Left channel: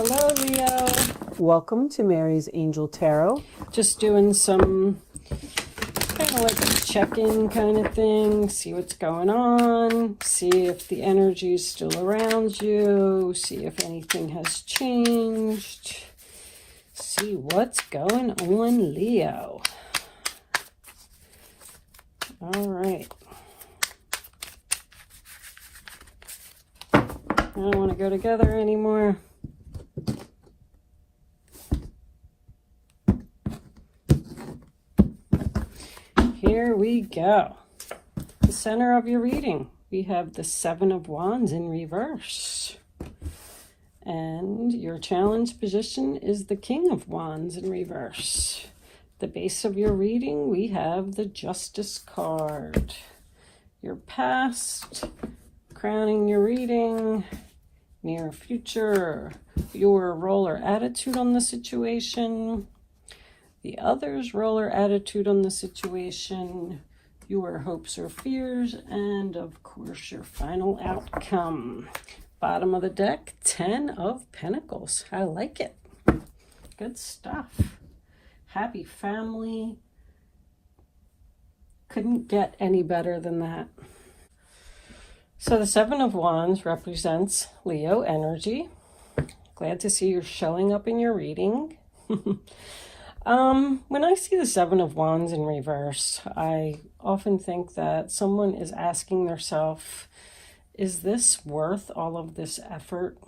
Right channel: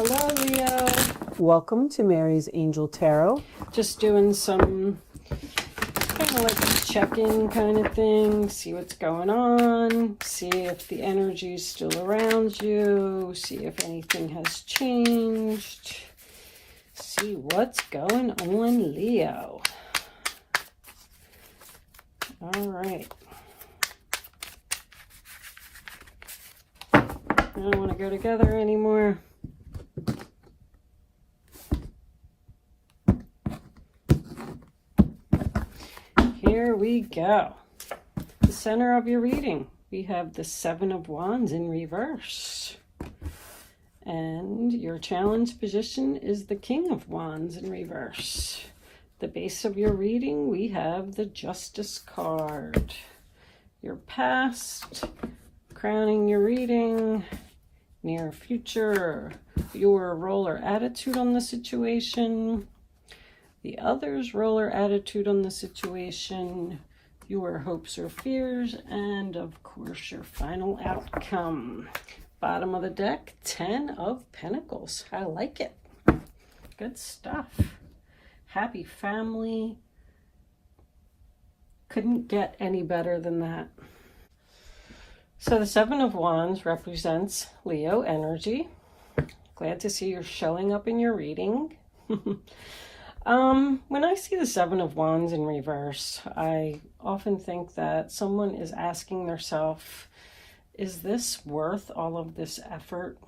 Hello, Leo. Welcome to Mary's Angel Tarot. Just doing some kind of like a check-in kind of thing. See what's going on. See if the energy is still around you. See if anything has changed. See what's going on, Leo. All right. I don't want to go together anymore. Here we go. The center of your reading, we have the Seven of Wands in reverse. And your challenge position is the King of Wands in reverse. The base of your reading, we have the Justice card. Your past, crowning your reading, near future, your role or attitude on the situation, the other's role or attitude on the situation, your hopes or fears, and of course your final outcome. Bottom of the deck, 10 of Pentacles. I like it. Good stuff. Happy family. Couldn't get any better than that. So the Seven of Wands represents Leo energy. Glad to see you're showing up in your reading. When I see the Seven of Wands in reverse, I often think that someone is asking themselves, is this worth all of this effort?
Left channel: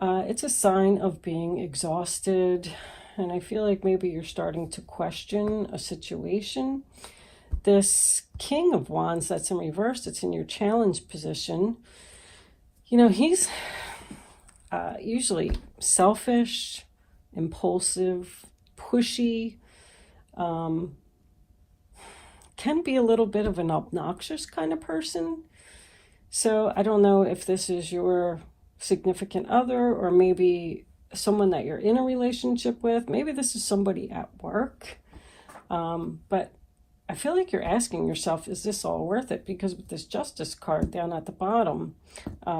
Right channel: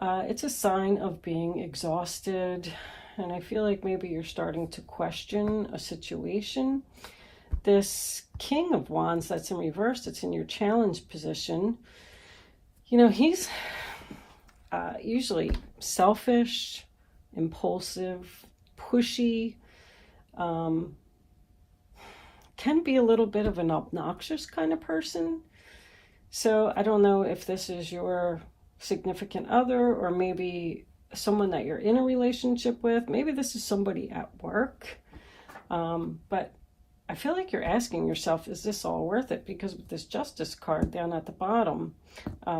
It's a sign of being exhausted, and I feel like maybe you're starting to question a situation. This King of Wands that's in reverse, it's in your challenge position. You know, he's usually selfish, impulsive, pushy, can be a little bit of an obnoxious kind of person. So I don't know if this is your significant other or maybe someone that you're in a relationship with. Maybe this is somebody at work. But I feel like you're asking yourself, is this all worth it? Because this Justice card down at the bottom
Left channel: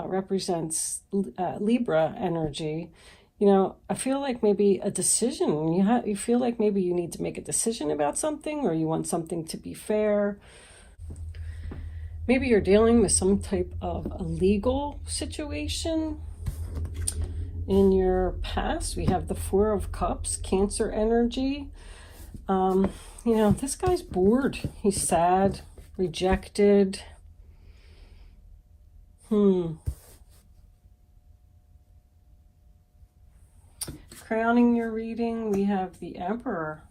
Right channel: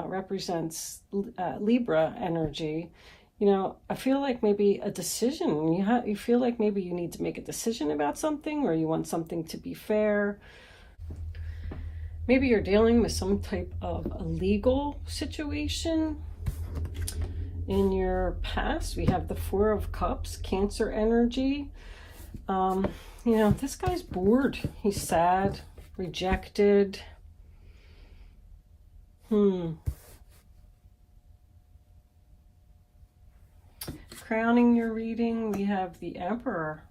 represents Libra energy. You know, I feel like maybe a decision, you feel like maybe you need to make a decision about something, or you want something to be fair. Maybe you're dealing with some type of a legal situation. In your past, we have the Four of Cups, Cancer energy. You know, this guy's bored. He's sad, rejected. Crowning your reading, we have the Emperor.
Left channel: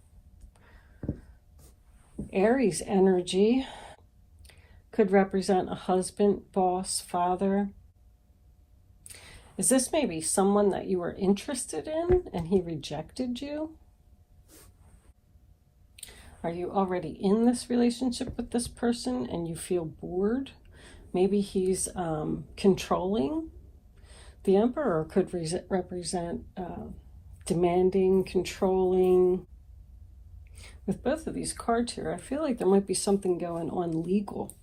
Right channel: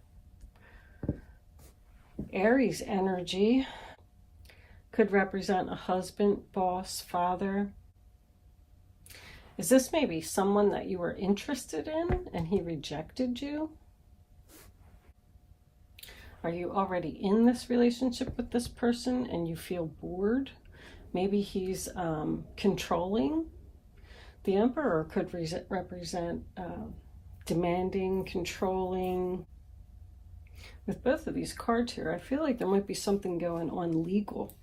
Aries energy could represent a husband, boss, father. Is this maybe someone that you were interested in and he rejected you? Are you already in this relationship with this person and you feel bored? Maybe he's controlling. The Emperor could represent demanding, controlling. With both of these cards here, I feel like there might be something going on legal.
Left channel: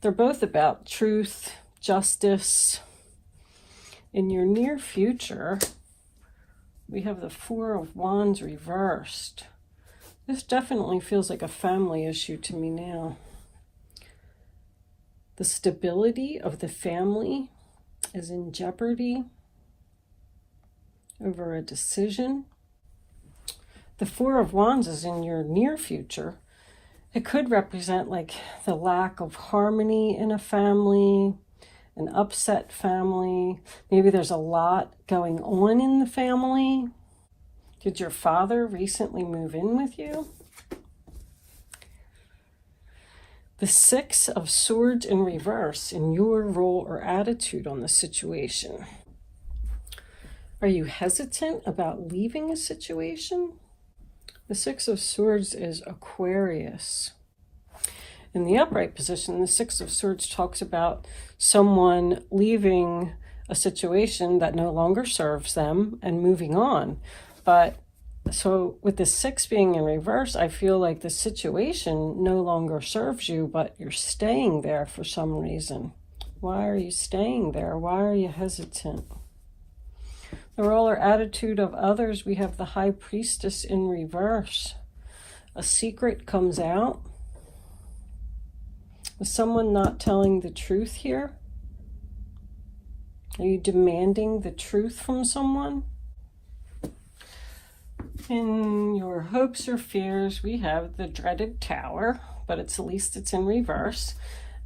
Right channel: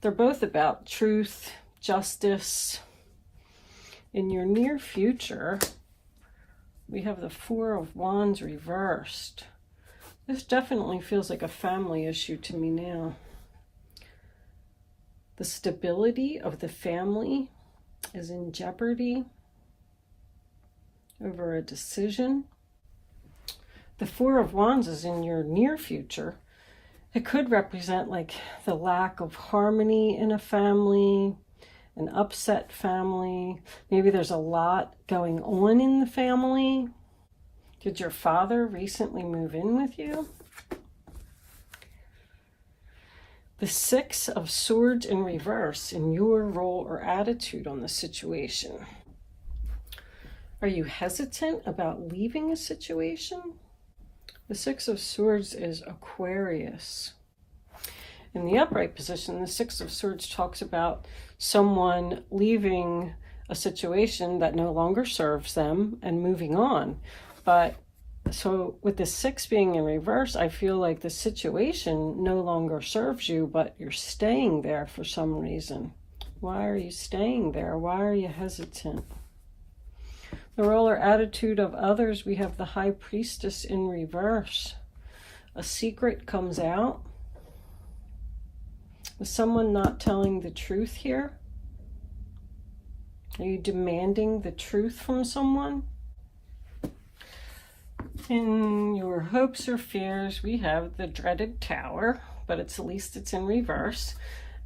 They're both about truth, justice. In your near future, we have the Four of Wands reversed. This definitely feels like a family issue to me now. The stability of the family is in jeopardy over a decision. The Four of Wands is in your near future. It could represent like the lack of harmony in a family, an upset family. Maybe there's a lot going on in the family. Did your father recently move in with you? The Six of Swords in reverse in your role or attitude on the situation. Are you hesitant about leaving a situation? The Six of Swords is Aquarius. In the upright position, the Six of Swords talks about someone leaving a situation that no longer serves them and moving on. But so with the Six being in reverse, I feel like the situation no longer serves you, but you're staying there for some reason. Why are you staying there? Why are you hesitant? The role or attitude of others, we have the High Priestess in reverse. A secret comes out. Is someone not telling the truth here? Are you demanding the truth from someone? In your hopes or fears, we have the dreaded Tower, but at least it's in reverse.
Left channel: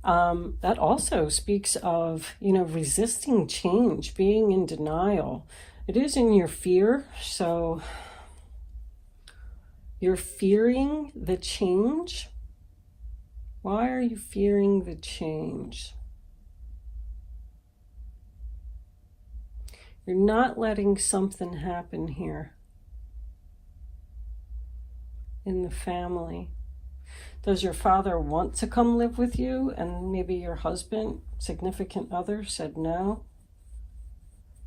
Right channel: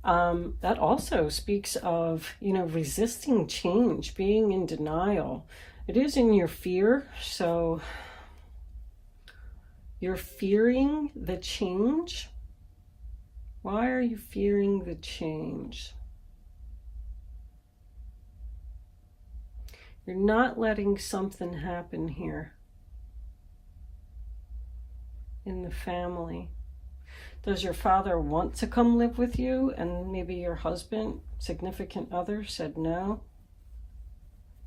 That also speaks of, resisting change, being in denial. It is in your fear, so you're fearing the change. Why are you fearing the change? You're not letting something happen here in the family. Does your father want to come live with you and maybe your husband, significant other, said no?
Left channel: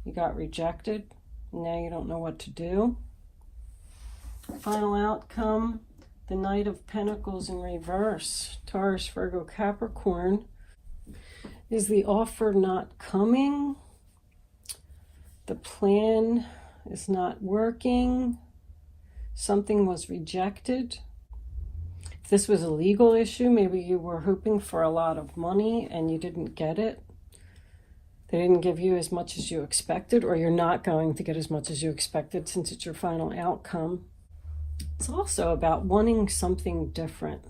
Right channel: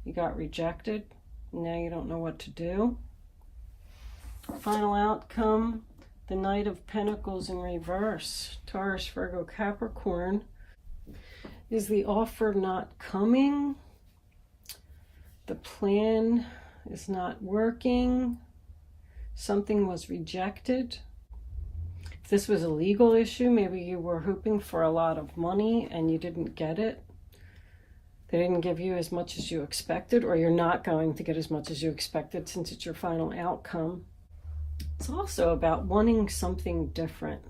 You got rejected. Now you don't know what to do. Final outcome, the Knight of Pentacles in reverse. Taurus, Virgo, Capricorn. Is the offer not coming? The plan is not working. Something was rejected. If this was a legal issue, maybe you were hoping for a lot of money and you didn't get it. They didn't give you as much as you expected, or you're not going to get as much as you expected since it's your final outcome. It's also about wanting something different.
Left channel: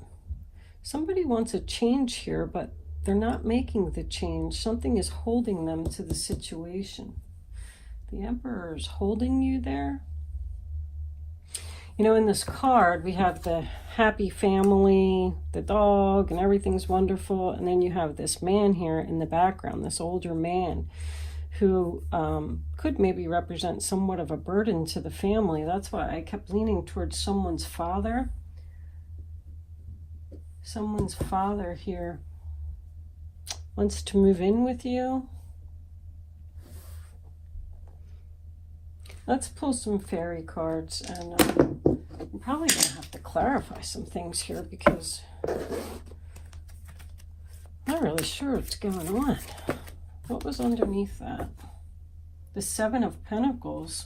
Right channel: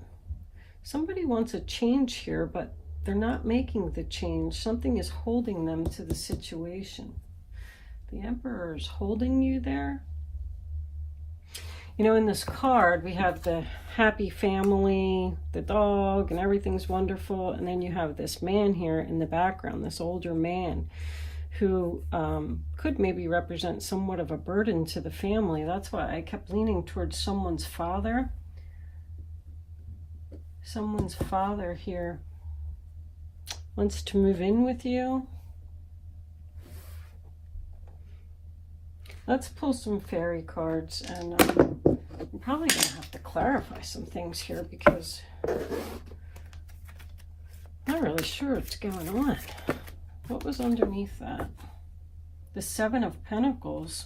Somebody wants a change here, but they're not making the change. Something is holding them to the situation. The Emperor is holding you there. In this card, we have the happy family, the dog, and everything's wonderful. And then you have this man here in the background, this older man who could maybe represent somewhat of a burden to the family. That's why I kept leaning towards someone's father. Someone's father here wants to move in with you. Let's pull some fairy cards, and I'm probably going to have to clarify some things here because I'm not really sure what's going on. What was underneath that? The Seven of Pentacles.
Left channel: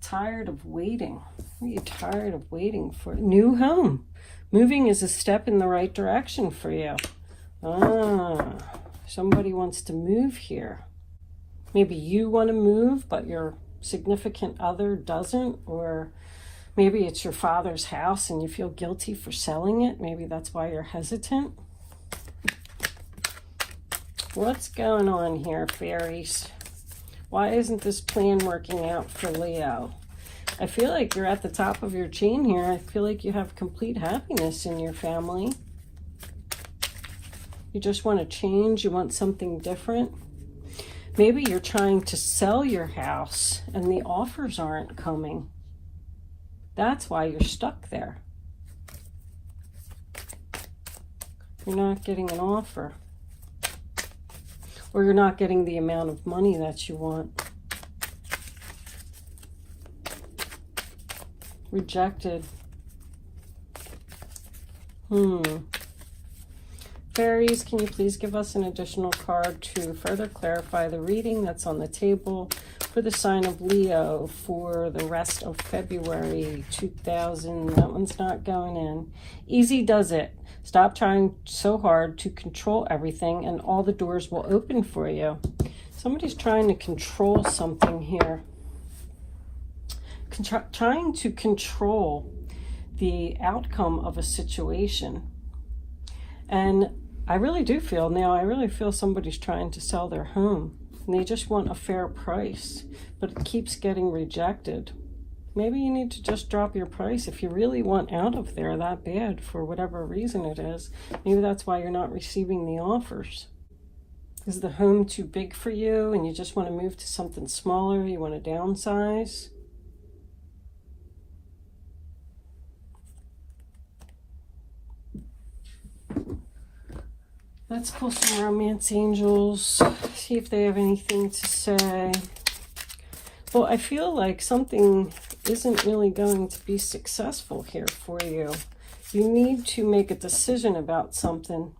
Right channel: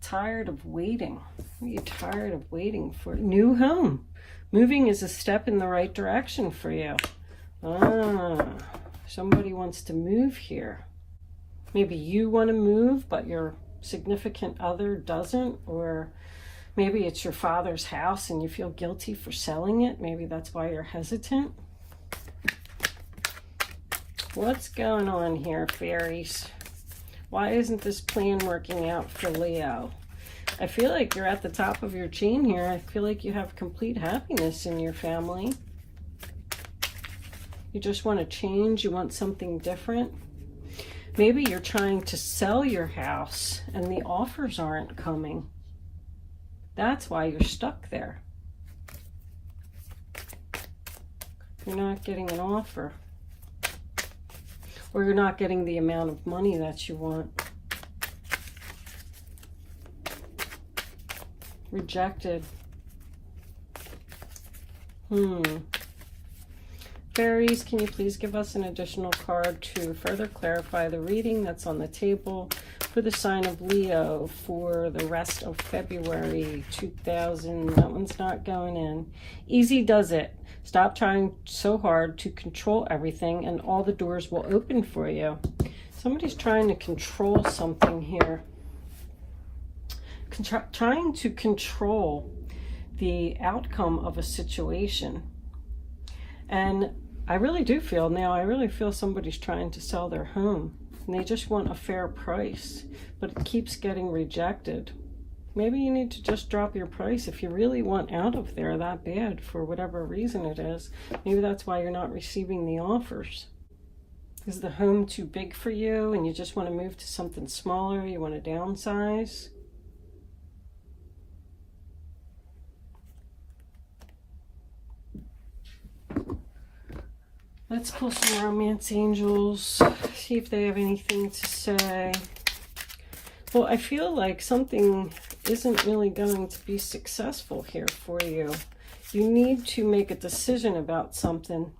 Tired of waiting. Are you tired of waiting for a new home? Moving is a step in the right direction for you. Somebody wants to move here. Maybe you want to move, but your significant other doesn't, or maybe it's your father's house and you feel guilty for selling it. Maybe that's why you're hesitant. What's going on here, fairies? Why isn't this plan working out for Leo? I feel like you're at the top of your chain here. I feel like you have complete happiness in your family. You just want to change. You want something different. Maybe you're trying to sell your house and the offers aren't coming. That's why you're stuck there. You're not getting an offer. Or you're not getting the amount of money that you want. Rejected. Fairies, can you please give us an additional card to further clarify the reading that's on the table for the sign of Leo for the rest of February 2000? That one's not going in. Easy does it. Stop trying so hard to control everything and all the doors will open for you. Somebody's trying to control something here. Trying to control the outcome of a situation. And I really do feel now, I really feel somebody's trying to sell their home and they just want a fair price, but it keeps getting rejected. Maybe you need to just drop your price if you really want out of there that bad for whatever reason it is. Maybe that's why you're not receiving the offers. Is the home too big for you and you just want to move to something smaller? You want to downsize? Let's pull some romance angels, see if they have anything to say. Well, I feel like something isn't really going to be successful here for you. You need to make a decision about something.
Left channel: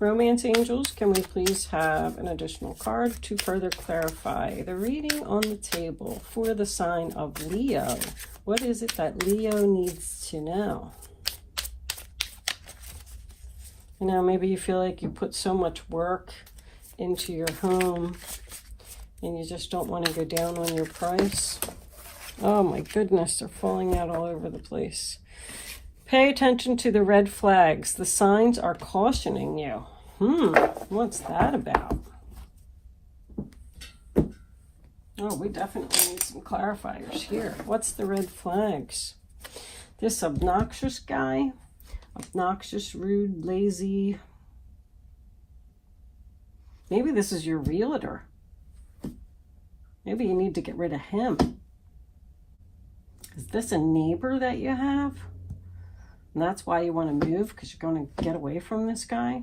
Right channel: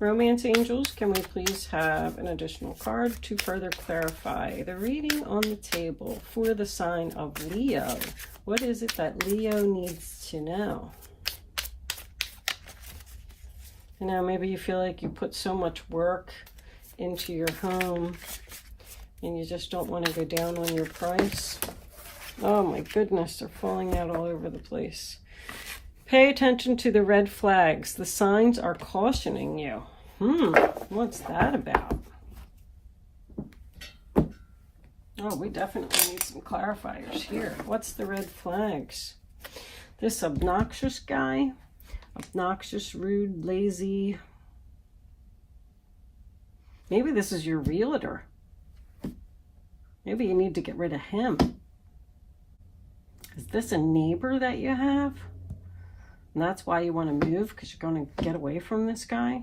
Romance angels, can we please have an additional card to further clarify the reading on the table for the sign of Leo? What is it that Leo needs to know? You know, maybe you feel like you put so much work into your home and you just don't want to go down on your price. Oh my goodness, they're falling out all over the place. Pay attention to the red flags. The signs are cautioning you. What's that about? Oh, we definitely need some clarifiers here. What's the red flags? This obnoxious guy, obnoxious, rude, lazy. Maybe this is your realtor. Maybe you need to get rid of him. Is this a neighbor that you have? And that's why you want to move, because you're going to get away from this guy?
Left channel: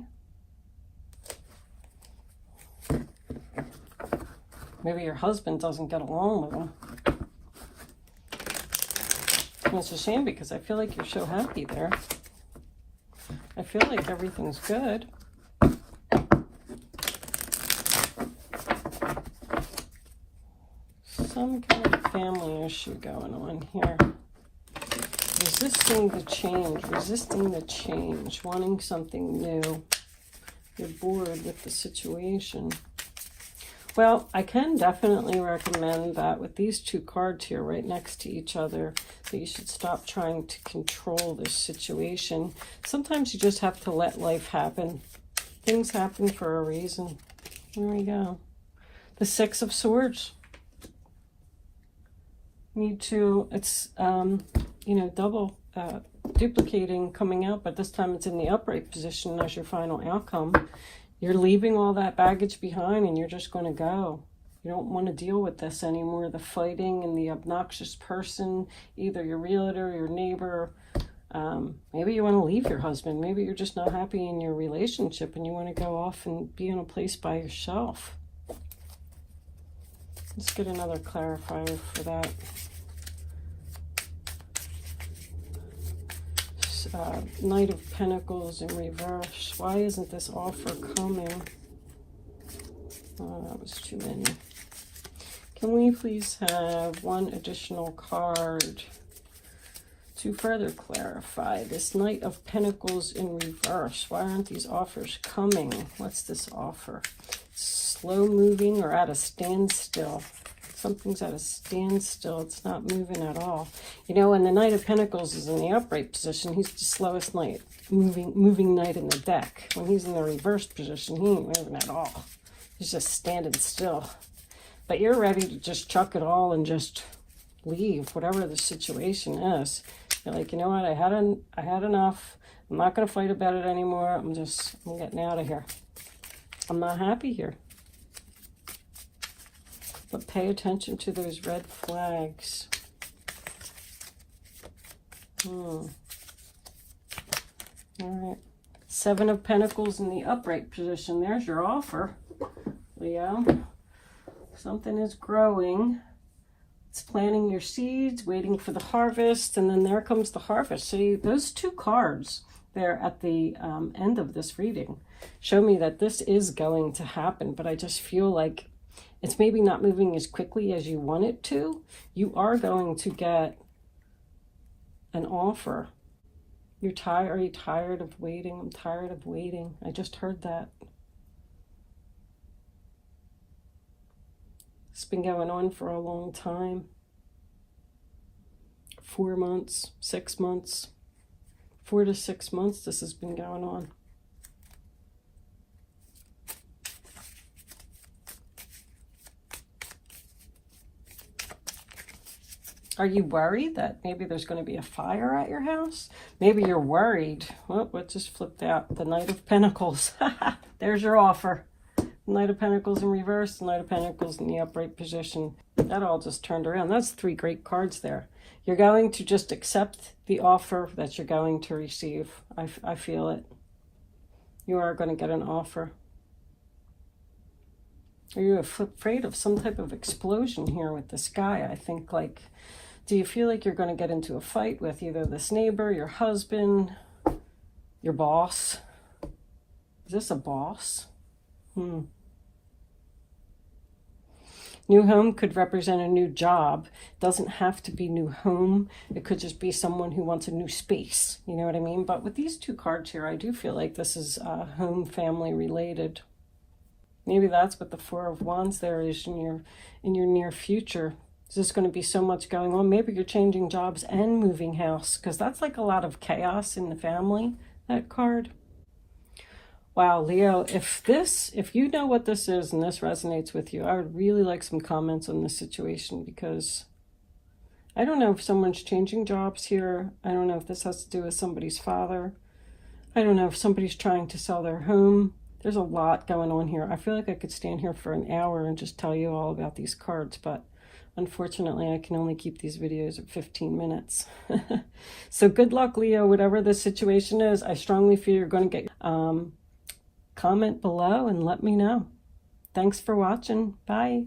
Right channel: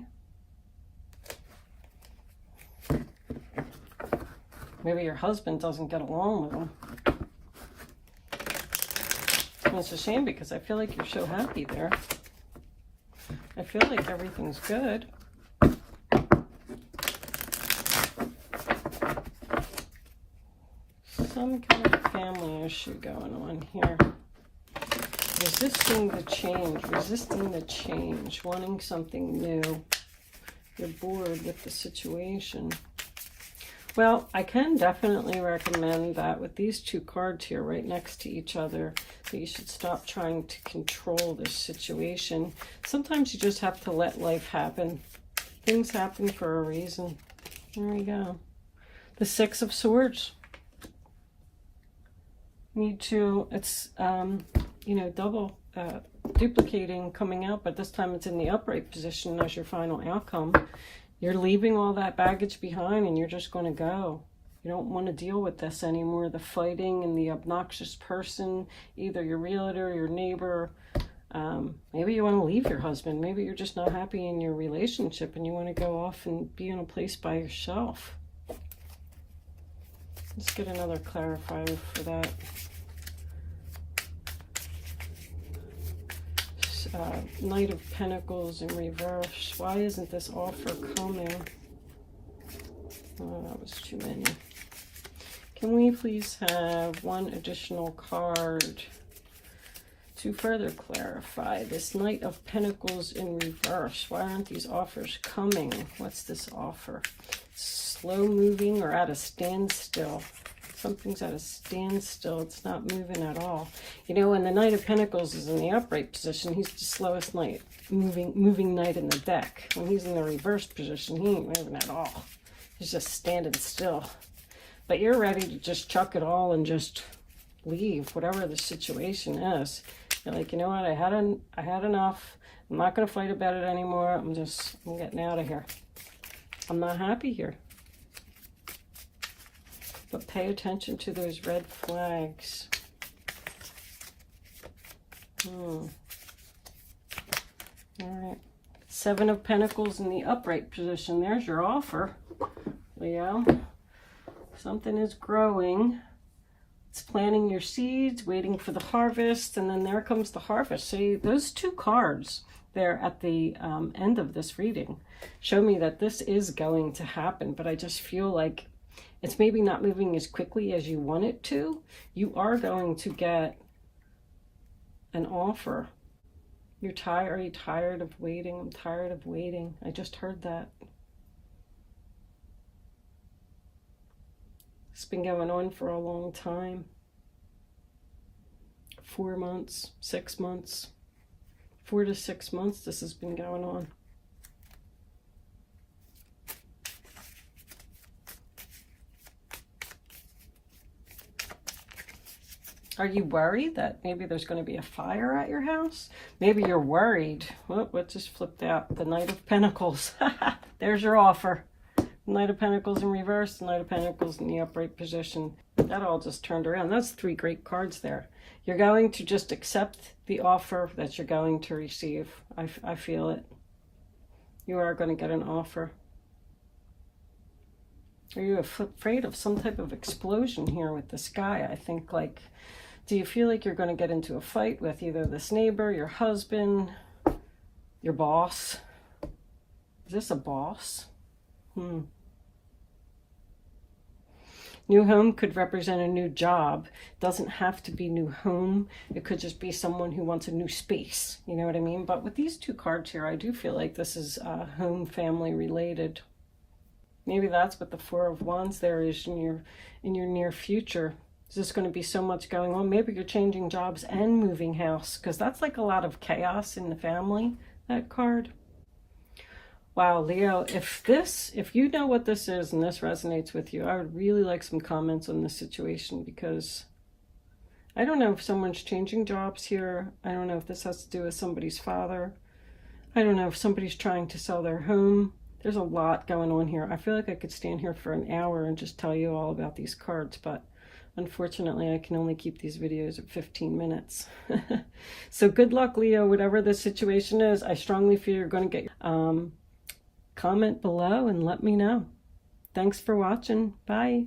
Maybe your husband doesn't get along with him. And it's a shame because I feel like you're so happy there. I feel like everything's good. Some kind of family issue going on here. Resisting the change, wanting something new. You're bored with the situation. Well, I can definitely recommend that with these two cards here right next to each other, that you should stop trying to control this situation. Sometimes you just have to let life happen. Things happen for a reason. There we go. The Six of Swords. Need to, it's, you know, double duplicating coming out, but this time it's in the upright position as your final outcome. You're leaving all that baggage behind and you're just going to go. You don't want to deal with this anymore. The fighting and the obnoxious person, either your realtor, your neighbor. Maybe you want to leave your husband. Maybe you're just not happy in your relationship and you want to go off and be in a place by yourself. Let's get another clarifier for that. Knight of Pentacles in reverse. Why isn't this offer coming? Oh, that was too many. Can we please have one additional card to further clarify this Knight of Pentacles in reverse? Why aren't these offers coming? What's this offer? Slow moving or at a standstill? Something's at a standstill. It's not moving at all. You know, when the Knight of Pentacles is in the upright position, he's the slowest knight, moving knight in the deck. When he's in the reverse position, he ain't moving at all. He's just standing still. But you're ready to just chuck it all and just leave, whatever the situation is. You're like, you know what? I had enough. I'm not going to fight about it anymore. I'm getting out of here. I'm not happy here. But pay attention to those red flags. All right. Seven of Pentacles in the upright position. There's your offer, Leo. Something is growing. It's planting your seeds, waiting for the harvest, and then there comes the harvest. See, those two cards there at the end of this reading show me that this is going to happen, but I just feel like it's maybe not moving as quickly as you want it to. You are going to get an offer. Are you tired of waiting? I'm tired of waiting. I just heard that. It's been going on for a long time. 4 months, 6 months, 4 to 6 months this has been going on. Are you worried that maybe there's going to be a fire at your house? Maybe you're worried. Well, what just flipped out? The Knight of Pentacles. There's your offer. Knight of Pentacles in reverse, Knight of Pentacles in the upright position. That all just turned around. That's 3 great cards there. You're going to just accept the offer that you're going to receive. I feel it. You are going to get an offer. Are you afraid of some type of explosion here with this guy? I think, like, do you feel like you're going to get into a fight with either this neighbor, your husband, your boss? Is this a boss? New home could represent a new job. Doesn't have to be new home. It could just be someone who wants a new space. You know what I mean? But with these two cards here, I do feel like this is home family related. Maybe that's what the Four of Wands there is in your near future. Is this going to be so much going on? Maybe you're changing jobs and moving house, because that's like a lot of chaos in the family, that card. Wow, Leo, if you know what this is and this resonates with you, I would really like some comments on this situation, because I don't know if someone's changing jobs here. I don't know if this has to do with somebody's father. I don't know if somebody's trying to sell their home. There's a lot going on here. I feel like I could stand here for an hour and just tell you all about these cards, but unfortunately, I can only keep these videos at 15 minutes. So good luck, Leo, whatever the situation is. I strongly feel you're going to get... comment below and let me know. Thanks for watching. Bye.